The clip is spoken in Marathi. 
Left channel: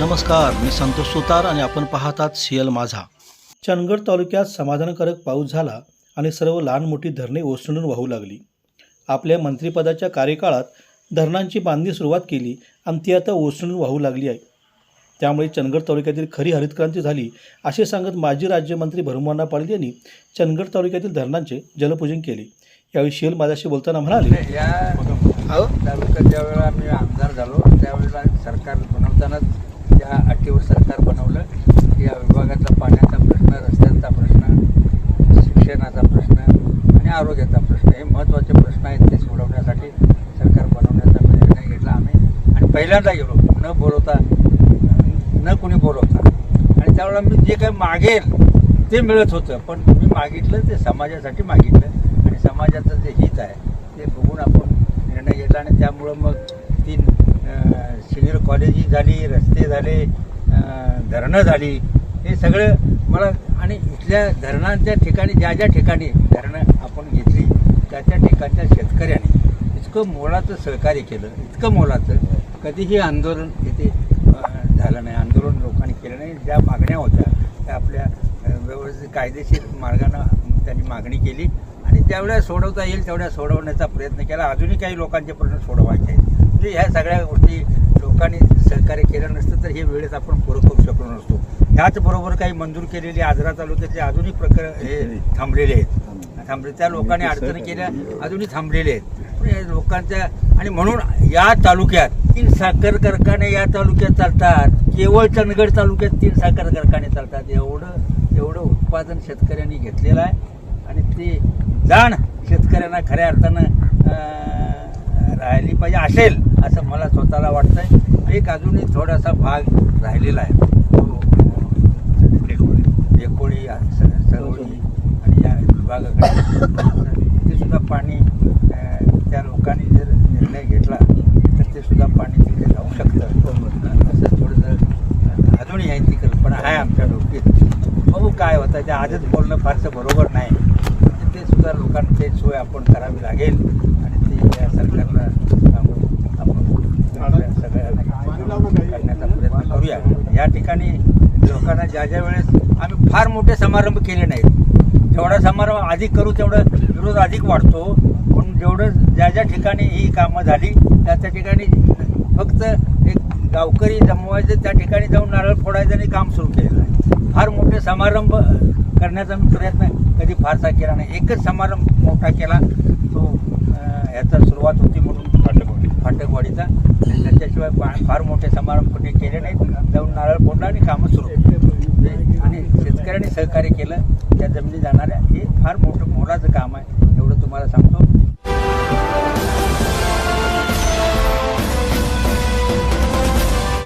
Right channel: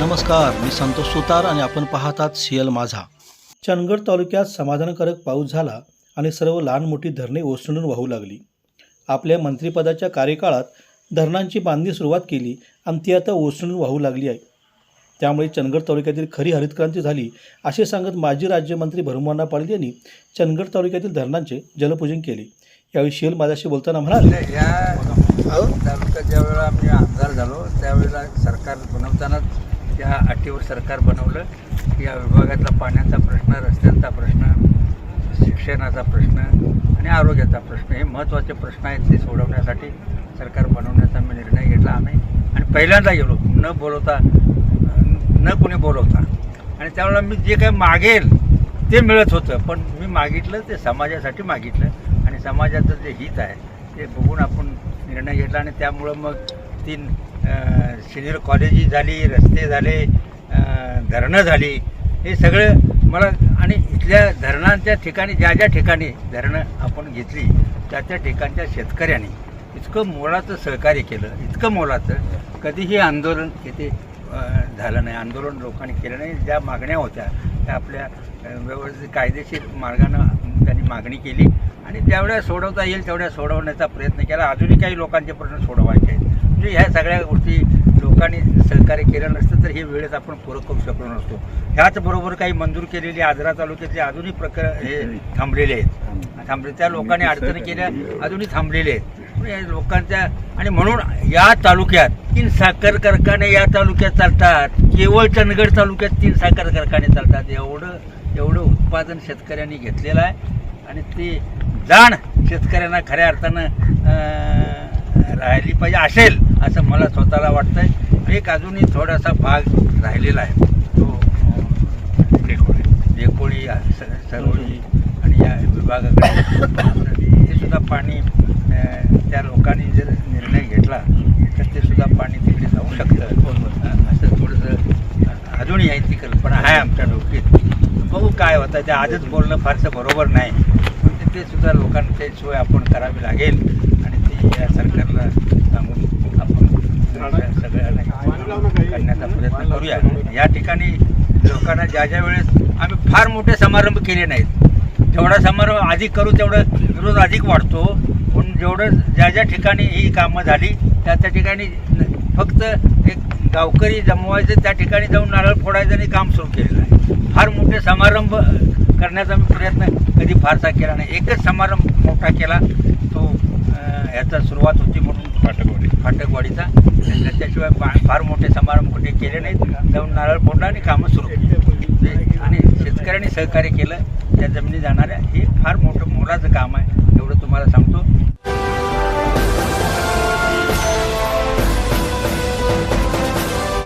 नमस्कार मी संतोष सुतार आणि आपण पाहतात सीएल माझा. चंदगड तालुक्यात समाधानकारक पाऊस झाला आणि सर्व लहान मोठी धरणे ओसंडून वाहू लागली. आपल्या मंत्रिपदाच्या कार्यकाळात धरणांची बांधणी सुरुवात केली आणि ती आता ओसंडून वाहू लागली आहे. त्यामुळे चंदगड तालुक्यातील खरी हरितक्रांती झाली असे सांगत माजी राज्यमंत्री भरमवाना पाटील यांनी चंदगड तालुक्यातील धरणांचे जलपूजन केले. यावेळी शियल माझ्याशी बोलताना म्हणाले या तालुक्यात ज्यावेळेला आम्ही आमदार झालो त्यावेळेला सरकार बनवतानाच या अटीवर सरकार बनवलं या विभागातला पाण्याचा प्रश्न रस्त्यांचा प्रश्न शिक्षणाचा प्रश्न आणि आरोग्याचा प्रश्न हे महत्त्वाचे प्रश्न आहेत ते सोडवण्यासाठी सरकार बनवण्याचा मी निर्णय घेतला आम्ही. आणि पहिल्यांदा गेलो न बोलवता न कोणी बोलवता. आणि त्यावेळेला मी जे काही मागेल ते मिळत होतं पण मी मागितलं ते समाजासाठी मागितलं आणि समाजाचं जे हित आहे ते बघून आपण निर्णय घेतला आणि त्यामुळं मग तीन सिनियर कॉलेजी झाली रस्ते झाले धरणं झाली हे सगळं मला आणि इथल्या धरणांच्या ठिकाणी ज्या ज्या ठिकाणी धरणं आपण घेतली त्या त्या ठिकाणच्या शेतकऱ्यांनी इतकं मोलाचं सहकार्य केलं इतकं मोलाचं कधीही आंदोलन येथे झालं नाही आंदोलन लोकांनी केलं नाही. ज्या मागण्या होत्या त्या आपल्या व्यवस्थित कायदेशीर मार्गानं त्यांनी मागणी केली आणि त्यावेळेस सोडवता येईल तेवढ्या सोडवण्याचा प्रयत्न केला. अजूनही काही लोकांचे प्रश्न सोडवायचे आहेत. म्हणजे ह्या सगळ्या गोष्टी लोकांनी सहकार्य केलं नसतं तर हे वेळेत आपण पूर्ण करू शकलो नसतो. ह्याचबरोबर काही मंजूर केलेली आजरा तालुक्यातले अजूनही प्रकार हे थांबलेले आहेत. थांबले. त्या लोकांनी अडचणी केल्या अजूनही थांबलेले आहेत. या लोकांच्या आणि म्हणून या तालुक्यात तीन साखर कारखाने या तालुक्यात चालतात. केवळ चंदगड तालुक्यात तीन साखर कारखाने चालतात. एवढं एवढं उत्पादन शेतकऱ्यांनी घेतलेलं आहे. आणि ते जाण शेतकऱ्यांना खऱ्या अर्थानं राहिली पाहिजे असेल असं मला स्वतःला वाटतंय. एक अजूनही थोडासा भाग राहिलेला आहे. तो स- सरोळी आणि या विभागाकडे ते सुद्धा पाणी त्या लोकांनी जर निर्णय घेतला तर ते सुद्धा पाणी तिकडे जाऊ शकतं. असं थोडंसं अजूनही आहे ती कल्पना आहे आमच्या डोक्यात. बघू काय होतं. ते आजच बोलणं फारसं बरोबर नाही. पण ते- सुद्धा लोकांना ते सोय आपण करावी लागेल. आणि ती या सरकारला सांगून आपण सगळ्या- सगळ्यांना करण्याचा प्रयत्न करूया. या ठिकाणी लोकांना ज्या ज्या वेळेस आम्ही फार मोठे समारंभ केले नाहीत जेवढा समारंभ अधिक करू तेवढा विरोध अधिक वाढतो. पण जेवढं ज्या ज्या ठिकाणी ही कामं झाली त्या त्या ठिकाणी फक्त एक गावकरी जमवायचे त्या ठिकाणी जाऊन नारळ फोडायचं आणि काम सुरू केलेलं आहे. फार मोठे समारंभ करण्याचा मी प्रयत्न कधी फारसा केला नाही. एकच समारंभ मोठा केला तो ह्याचा सुरुवात होती म्हणून फाटकवाडी फाटकवाडीचा. त्याच्याशिवाय फार मोठे समारंभ कुठे केले नाहीत. जाऊन नारळ फोडला आणि कामं सुरू केली. शेतकऱ्यांनी सहकार्य केलं त्या जमिनी जाणाऱ्या हे फार मोठं मोलाचं काम आहे एवढं तुम्हाला सांगतो.